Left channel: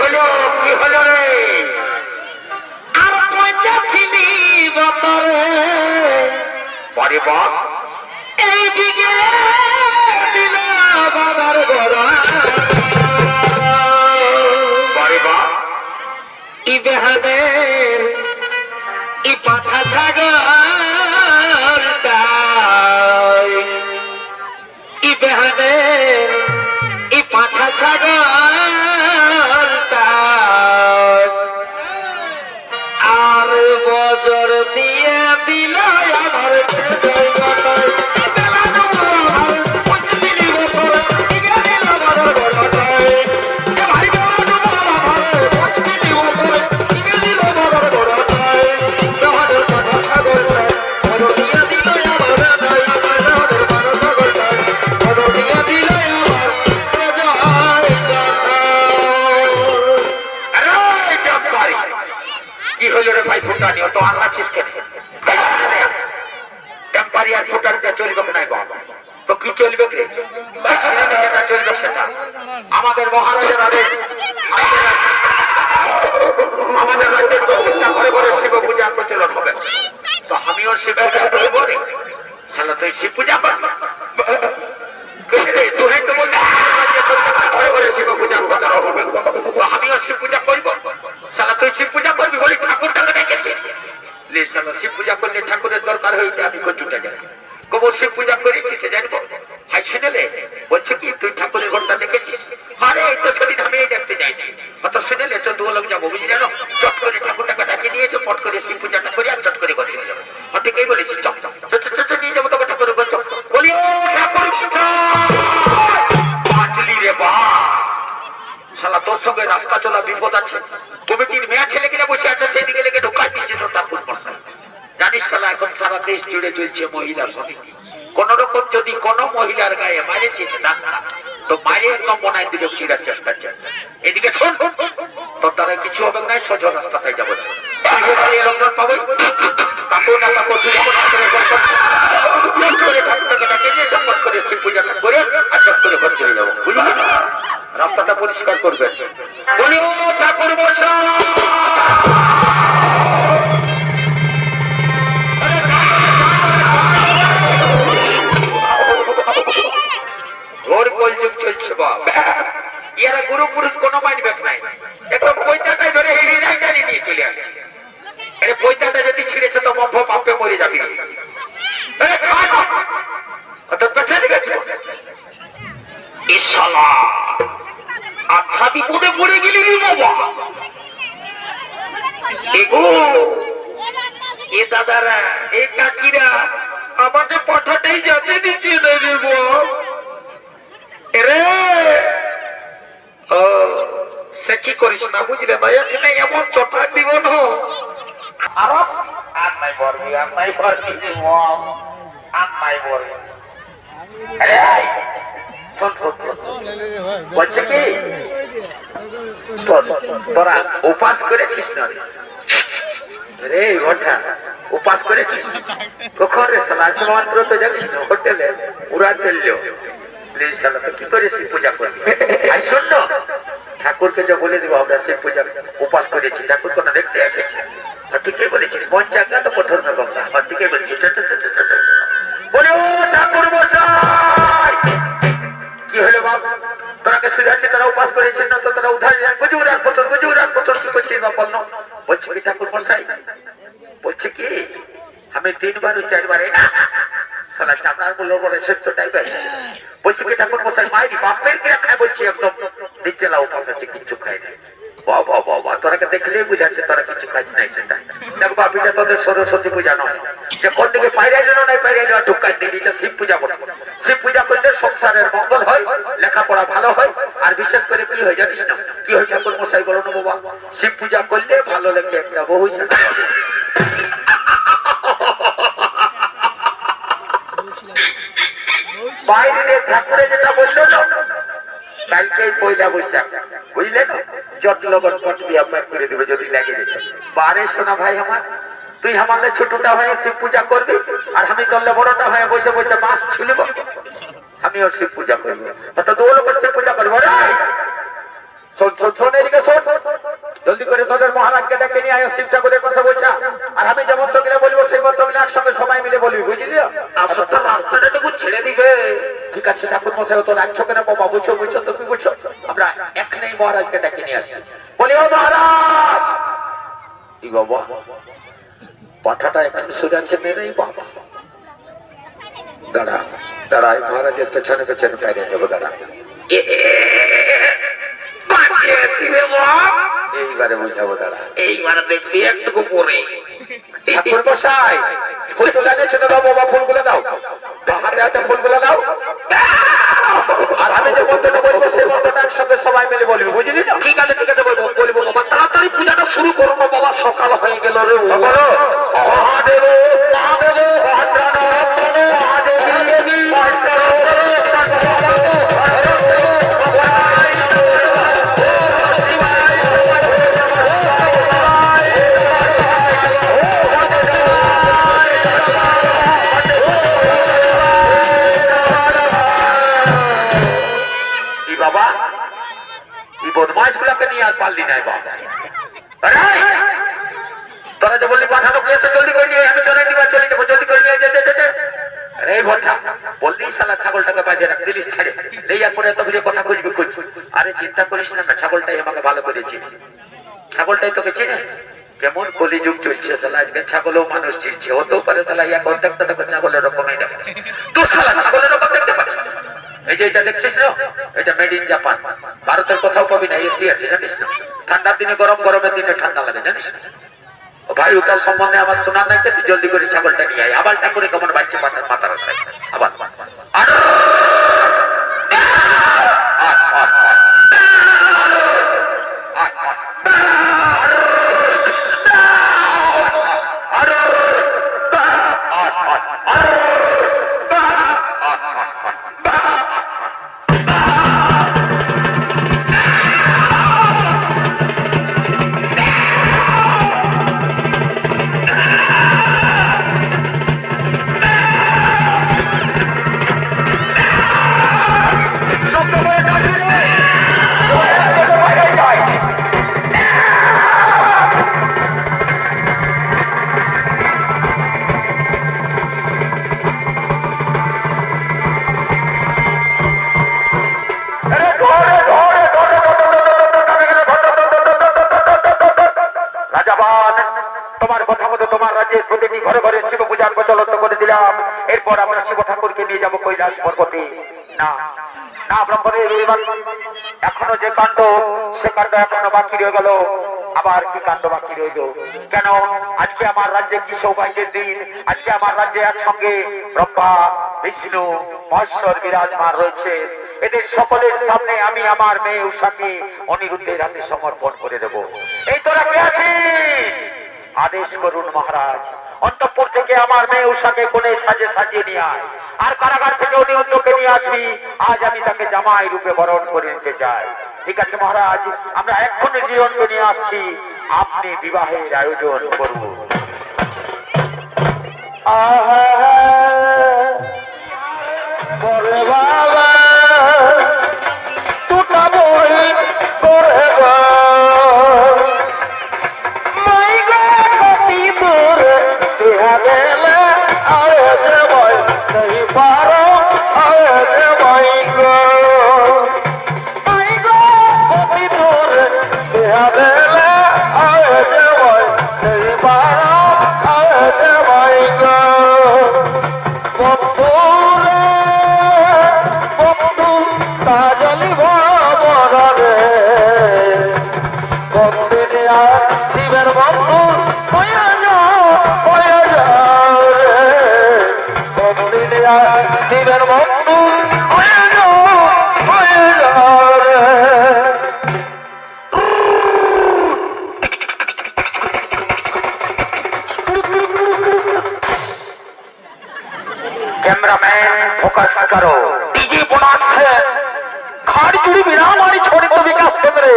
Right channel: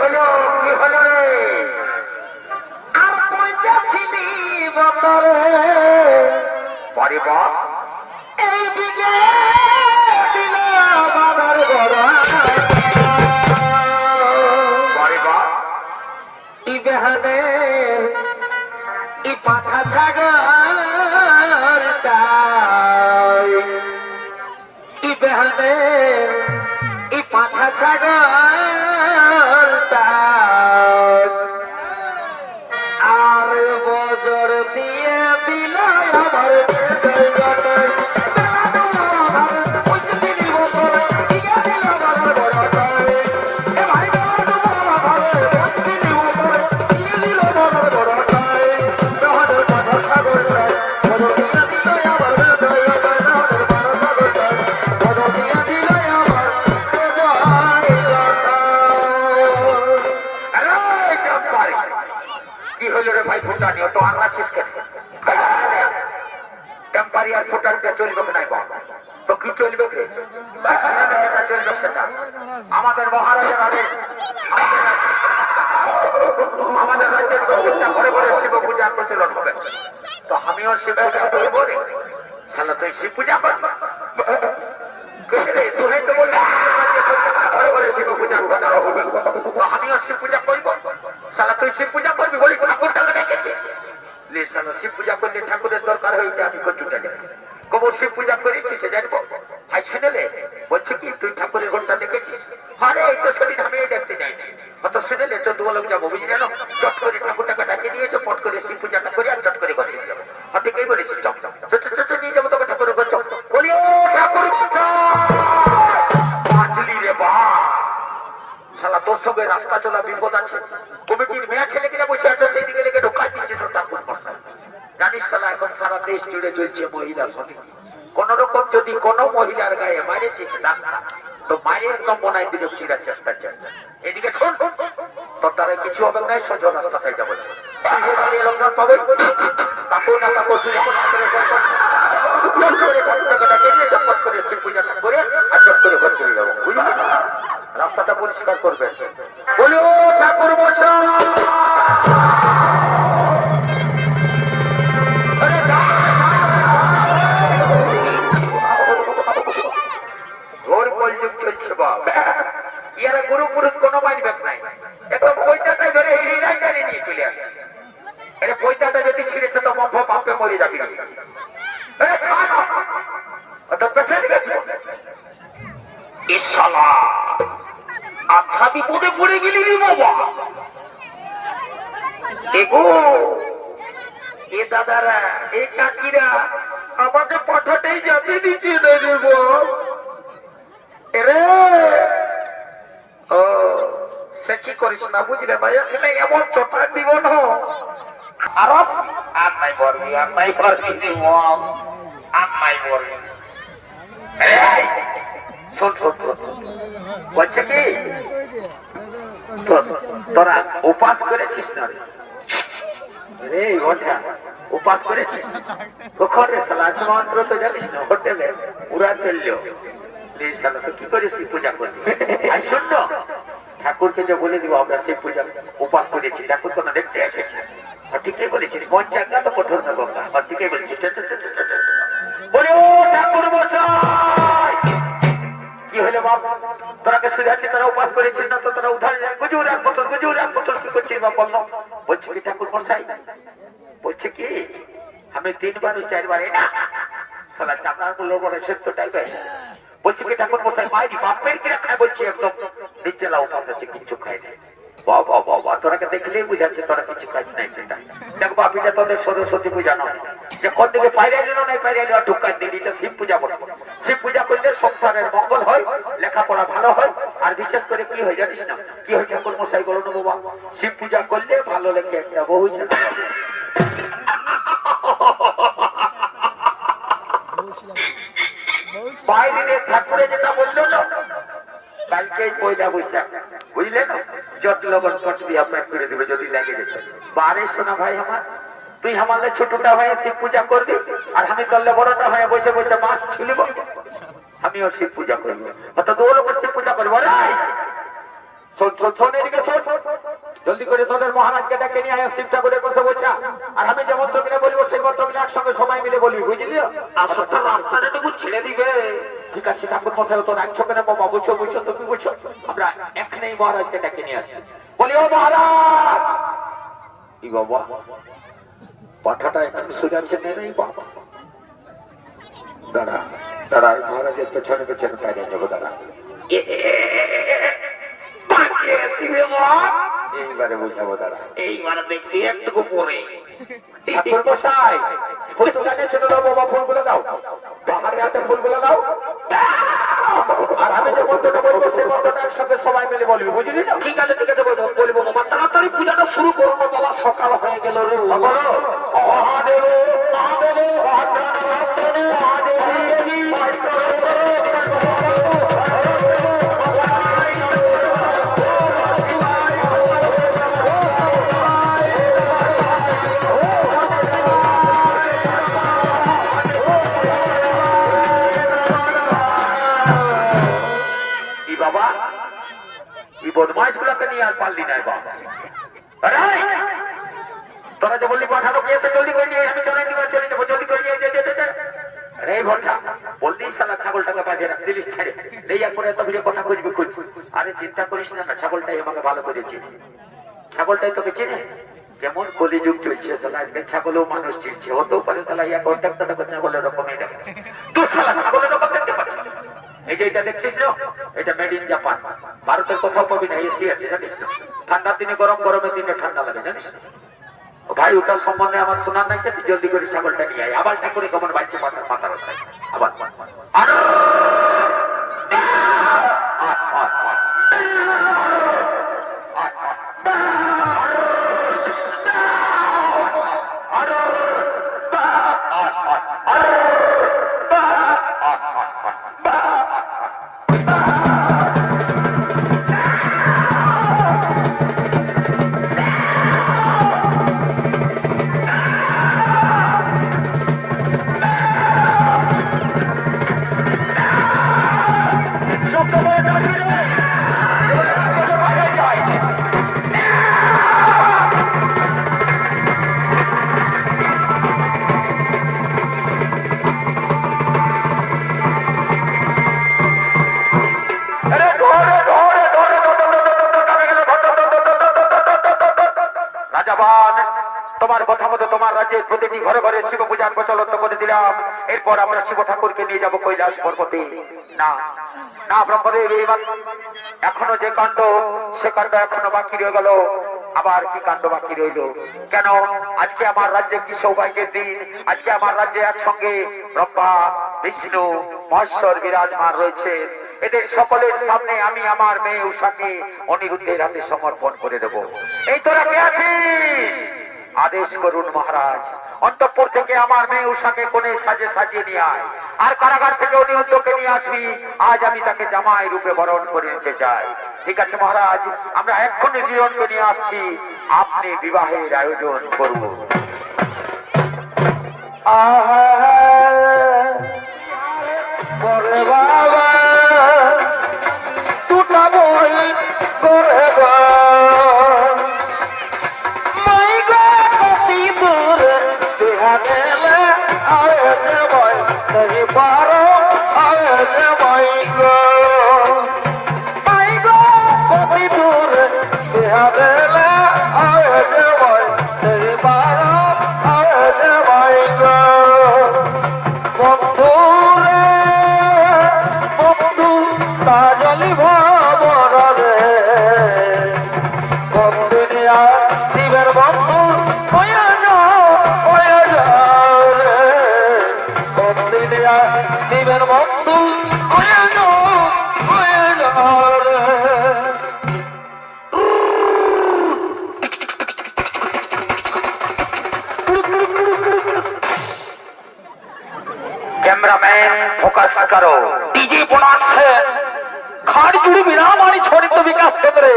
হলো কি হলো রে? আর পয়সা ছিলি বতরে পরে বাপ এই দিকে দিল বাবার ঘোড়া পরে বাপ ই বেহাদের ই পাঠা ছাগলটা ই বেহাদের ই পাঠা ছাগলটা আর বজর দিয়ে দিল আমার কি হইল রে ভাই ফুটানি তো আনলাছিস কেন টেম্পারি আর ফুটানটা চলবে নাই বাবা তো কি চলবে রে চলবে সেটা আমাদের মহারাজের আদেশ আমাদের রাজ্যের প্রত্যেকটা ঘরে ঘরে শিব পূজা প্রচলন হবে তো আমিও শিব পূজা করবো রে শালা তুই শিব পূজা করবি তুই তো বললি ঘরে ঘরে শিব পূজা হবে তো আমিও শিব পূজা করবো শালা তুই শিব পূজা করবি বলি ঠাকুরটাকে ডেকেছিস লে শালা শিব পূজা করলে ঠাকুরের দরকার হইতে আমি কচুটা যাই কবর শিব পূজা করেছিস জানবো ভাই শুনেলে বলছে কি তুই ঠাকুরের ঘরটা দেখেছিস আরে এই তো সেদিন আমি দেখতে যাইনি অত শুনেলে চোদ্দ লোক যাবো বুঝলি জানো চট করে ঠাকুরটাকে ডাকে নিয়েছে পট করে শিব পূজাটা করে আর চট করে ঘরে যাবো ঠিকই বলেছি চট নিয়ে যাবো তোকে ঠাকুরের ঘর বলি ও ঠাকুর বাঁচলি রে বা শালা তোর সঙ্গে রাস্তা চলা বিপদ আছে কমিটির মেয়ে ছেলে কিনা বসে আছে সেদিকে লেগে ঢোকাই দিচ্ছে তোর ঠাকুর মশাই জানিস শালা এখন সারা দেশ জুড়ে চলছে মহিলা সমিতি কোন রকম যদি কোন মহিলার গায়ে মারেছিস না তো মারে একদম মনে দিলে চিরার চেষ্টা চাই এদিকে শোন তো তারা কিছু হবে না সোজা রাস্তায় যাবো লঙ্ঘন পাবো কাপড় না কাপড় করে শিব পূজাটা করে আর চট করে ঘর চলে যাবো বুঝলি রাস্তাটা পরিষ্কার করবে বলি ও ঠাকুর বছর ঘোর কলযুগ চলছে বাবা ইয়ারা গুরু পুরুষ কোনো মাইন্ড ব্যাক নাই একদম পয়সাটাই ধরে হেরিয়ে জানিয়ে নিয়ে চলে আসে আরে পয়সাটা যদি ছিঁড়েছে তো মফ পাপে মরে যাবি আচ্ছা বিপদে পড়ে গেলি রে বাবা এগো এ দাদারা এ কাকিরা আমাদের পাঠাটাই যাতে দিচ্ছে না রে বাবা এরে ও সে কি করিস না বুঝলে ভাই এখানে এমন চটা দিব না আর নাই বলবি আর নাই পারবি আর নাই বলবি বলছে কি তোরা উপাস করেছিস না রে ওঠা উপাস করেছিস কখন রে সালা মাত্র তো জানিস না হোটেলে পুরা চললো কি করে শিব পূজা করবি শোন ঠাকুরকে যে বলে দিব আমরা শিব পূজা উপাস করেছি ঠাকুর কোনো দেখতে এসেছি ঠিকই বলেছিস মন জায়গা তো কঠোর না গঙ্গা আর ঠিকই বলেছিস বলে ও ঠাকুর মশাই কি হলো বাবা তোরাকে সুধাচ্ছি তোরা উপাস করেছিস না তো তোরা উধার গুজুর এক বছর কি করছিস বা বললো বলছি কি ঠাকুর মশাই বলছে কি আমি 3 বার 4 বার সালা চামড়ার গুলো বড় সত্য টাইপের বলছি কি ঠাকুর মশাই মাইরি বাপের কিরা খায় বলছি একদম নিচেলা উপাস আছে কিছু খায় না বাবা বাবা তোরাকে দেখলেই বুঝাচ্ছে তোরা কিছু খাইছ নাই সেটা দেখ বাপিটা তোদের সরস্বতী পূজা নয় যে কোন দিকে পাইরাইল নাই পাইরাইল ঢুকাই দিলি এটা শিব পূজা করতে শিব পূজা করলে সংসারের মঙ্গল হয় লেখাপড়া ভালো হয় আর বিশেষ করে কি হয় জানিস না কি হয় ঠাকুর মশাই বলো না বাবা শিব পূজা করলে ভালো লেখে একটা বহু বাইরে ঠাকুরে যেটা বললে না কালকে পয়লা বৈশাখ বুঝলে না চট লবণ কটবি আপনার করে দেবে যদি লেগে যেতে বারে শোনা ভাই আমার তুই আমাদের ছোটটা হয়ে শিব পূজা করবি আর আমি করলে বড়টা হয়ে বসে বসে মাছ ছুলিব আমিও শিব পূজা করবো তো দু লোক শিব পূজা করবো রে শোন এদিকে শোন, জলদি করে তোদের মহারাজকে ডেকে নিয়ে আয়, শিব ঠাকুরের কথা বলছা। আর আমি যে মন্ত্রগুলো বলবো সেই মন্ত্রগুলো একসঙ্গে সবাই মিলে বলবি, বুঝলি? আসলে রাস্তাটাটুকু ছেড়ে দিবে। ঠিক আছে ঠাকুর মশাই, তো রাখছো কেন বাবা? বুঝছো বুঝছো তো কি বুঝছো? আমরা এখানেই মহারাজকে ডেকে নিয়ে আসছি। বলি ও মহারাজ। কি বাবা, পাঠাটা এখন শুনে আছে মেরেই বাবা। দাঁড়া দাঁড়া, মহারাজের পেছনে পেছনে পাইরে নেবো, দাঁড়া। এইবারে বুঝাবো, দাঁড়া। এইবারে দেখবি একটুকু পরে ঠাকুর মশাই ফুল তোলা নিয়ে চলে দাও বাবা, ফুলগুলো দাও, হাতে হাতে ফুলগুলো দাও। আর আমি যে মন্ত্রটা বলবো সেই মন্ত্রটা একসঙ্গে সবাই মিলে বলবি, বুঝলি? ঠিক আছে ঠিক আছে, বলবো বলবো বাবা। তাড়াতাড়ি পূজাটা শুরু করো না বাবা, সকাল হয়ে গেল রে। মহাদেব মহাদেব বাবা, এই বদমাইশ গুলাকে নিয়ে আর পারলি নাই বাবা। তোরা যে বললি পাঠানো গিয়েছে, জলদি করে নিয়ে, আমি জনাই দিবার চলে যাবো, জলদি করে নিয়ে যেতে। আরে ভট্টা বললি শালা ছাগলটাকে বাঁধে রাখ, দিলিস ছাড়ে দেওয়ার পরে এত কথা খুঁজবি খুঁজ। আরে চিন্তা করিস না, ছাগলটাই আমাকে ভালো করে চিনি, ছাগলটাই তোকে চিনে। কেমন কলিযুগ চলছে তাহলে, আজকে ছাগলও মানুষ চিনছে, হতেও পারে তাহলে ইয়া কন্ট্যাক্টটা তোকে ছাগলের রকমই দেখো। তোর শালা ছাগলের রকম দেখতে পারিস? এই যে এটা দেখছিস না, এটা মেড ইন জাপান, ভারতের কোথাও পাবি না, এসি আছে জানিস না। ঠান্ডার দিনে গরম, গরমের দিনে ঠান্ডা লাগে জানিস না। ও ভাই, ওটার সম্বন্ধে আমার শোনার নাই, তুই জলদি করে ছাগলটা নিয়ে আয়। আবার ঠাকুরে কেমন বাচ্চা মাথার মাথা রাস্তায় আবার তোমার কথা মতো তোমার রাজ্যের প্রতিটি ঘরে ঘরে শিব পূজার প্রচলন করে দিলাম। এরপর আমরা শিব ঠাকুরকে নিয়ে যাবো কৈলাস পর্বতে। না না এখনো যে কাণ্ড, সে কাণ্ড এখনো বাকি রয়ে গেল। আবার কি কাণ্ড বাকি রইল? কেন আজকে আমার রাজ্যে কি সৌভাগ্যের দিন? আজকে আমার রাজ্যে একসঙ্গে ব্রহ্মা, বিষ্ণু, মহেশ্বর বিরাজমান রয়েছে। এদের সকলের সামনে আমি আমার মেয়ে উষাকে অনিরুদ্ধের হাতে সমর্পণ করে দেব। এই তোরা কে আছিস? আদেশ করুন মহারাজ। অন্তঃপুর থেকে আমার মেয়ে উষাকে কোণে সাজিয়ে নিয়ে আয়, আর কারাগার থেকে অনিরুদ্ধকে নিয়ে আসবি। আজ আমি তাকে জামাই রূপে বরণ করে নিতে চাই। ঠিক আছে মহারাজ, আমরা এক্ষুনি জীবনকে নিয়ে আসছি, আপনি বিবাহের আয়োজন করুন। कैमरामैन फोकस करो। डीजे बनाচ্ছে খাড়জুড়ি বিরামারি ছড়িত বিকাশ কেন্দ্রে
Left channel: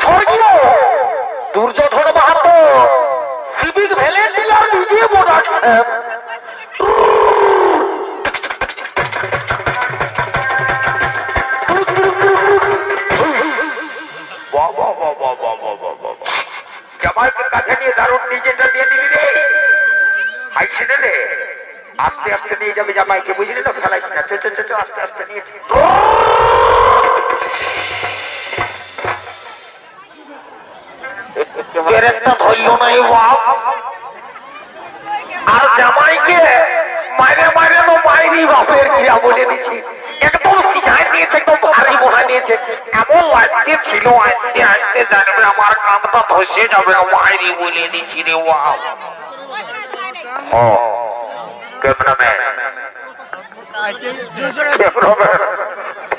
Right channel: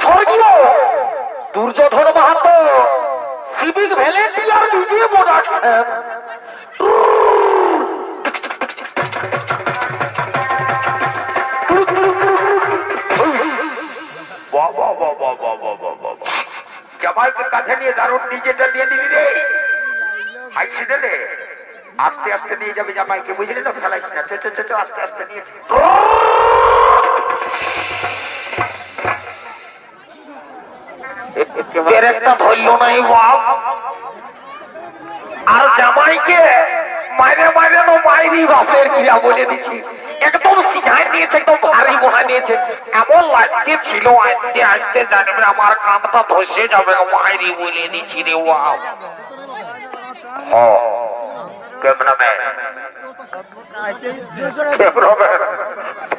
স্বর্গীয় Duryodhan Mahato civic volunteer DJ বানাচ্ছে। জামাইকে কাঁধে নিয়ে দারুণ নিজেটা নিয়ে নিবি রে, হাইসি দিলে আস্তে আস্তে নিয়ে যাবে জামাইকে, বুঝলি না? ফেলাইস না, চো চো চো, আস্তে আস্তে নিয়েছি। ধরল নাই আর জামাইকে মারে মারে মাইরি বাপের ক্রিয়া বলে দিচ্ছি, একদম শিখাই দিয়েছে, একদম ভারী বহাই দিয়েছে। এমন আজকে ছিল, আজকে আজকে জানবে আমার কামটা ধসে যাবে, মাইরি বলে দিচ্ছি রে।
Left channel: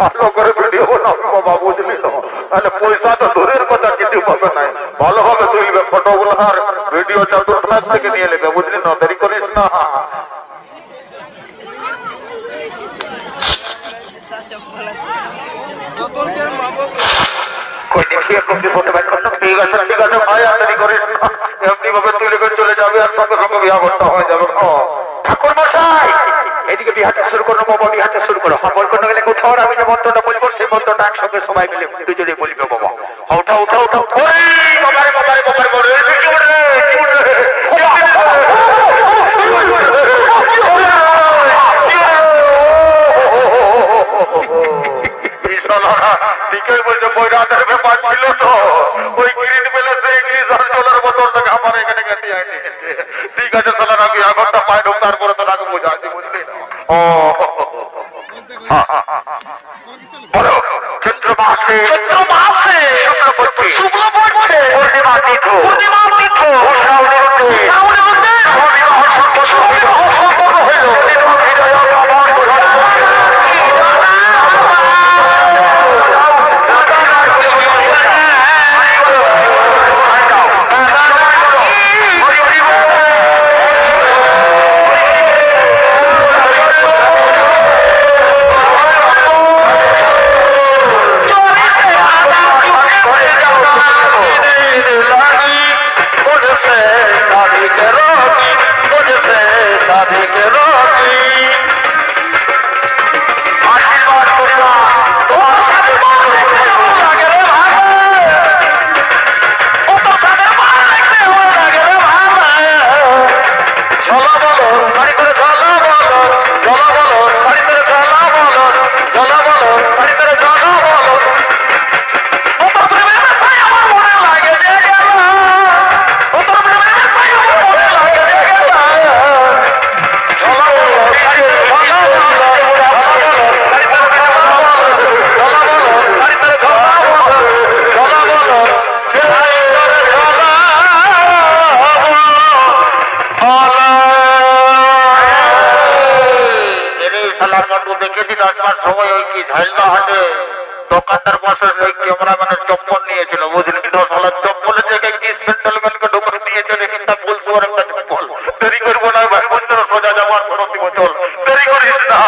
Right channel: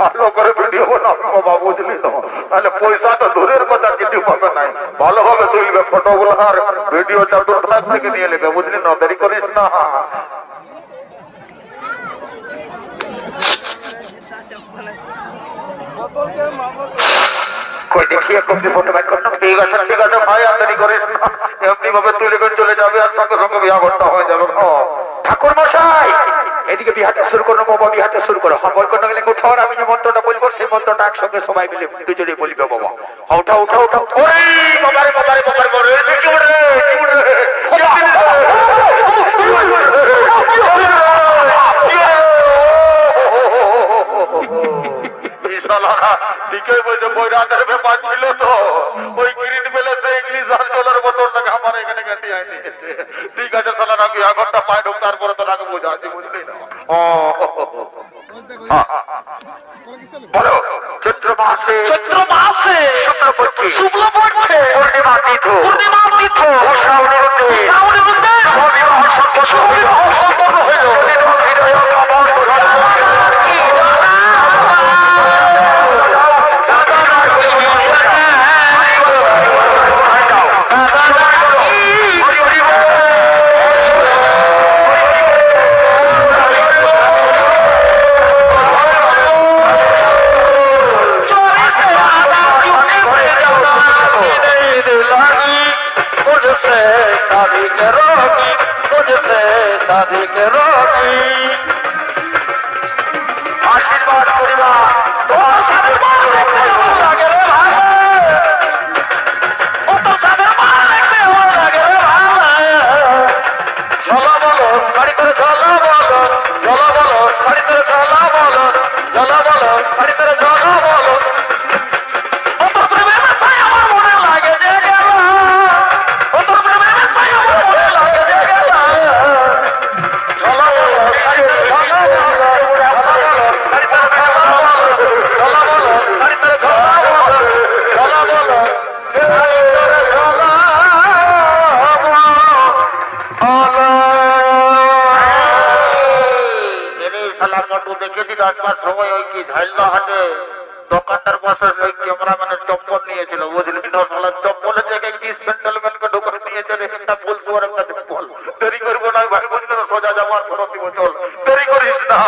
ভালো করে ভিডিও বানাবো বাবা, বুঝলি তো? তাহলে পয়সা তো দূরের কথা, কিছু পাবে না, ভালোভাবে তুলবে ফটোগুলো আর ভিডিও চতুর্থ থেকে নিয়ে নেবে, বুঝলি না? দেরি করিস না। দেখিয়ে কবি হতে পারছ না। ঠিক আছে ঠিক আছে ভাই, আর দেরি করিস না, এমনি ভাবে তুলবে চলে যাবে আর সঙ্গে সঙ্গে বিয়াঘরটা হয়ে যাবে। ঠাকুর মশাই এদিকে বিহাটা শুরু করো বাবা, বিহাটা শুরু করো। হল করতে গেলে কোথাও আমি যে মন্ত্রটা বলবো সেই মন্ত্রটা একসঙ্গে সবাই মিলে দুজনে বলবে বাবা। উঠা উঠা উঠা ঠিকই বলছে, বৈরাটের ব্যাপার ছিল তো, ওই গ্রিন বেলে সেই 20,000 বোতলটাকে আমার এখানে গেছে। ঠিক আছে তাহলে আমি আগরটা পাই ঢোক, তারপরে তো আগে বোঝাচ্ছি, বুঝলি না? চৈত্র মাসে শুক্লপক্ষে পূর্ণিমা তিথি দেখেছি 10 সময় ওই কি ঝাইলা হাটে দোকানদার বসে সেই ক্যামেরাম্যানের চপ্পল নিয়েছিল, বুঝলি না? চপ্পলের জায়গায় কি সেন্ট্রালম্যানকে ঢোকানো নিয়ে চলে, কিন্তু বলছো একটা চপ্পল। দেরি করবো না ভাই, বন্ধুরা সোজা যাওয়ার প্রতি বছর দেরি করিস না।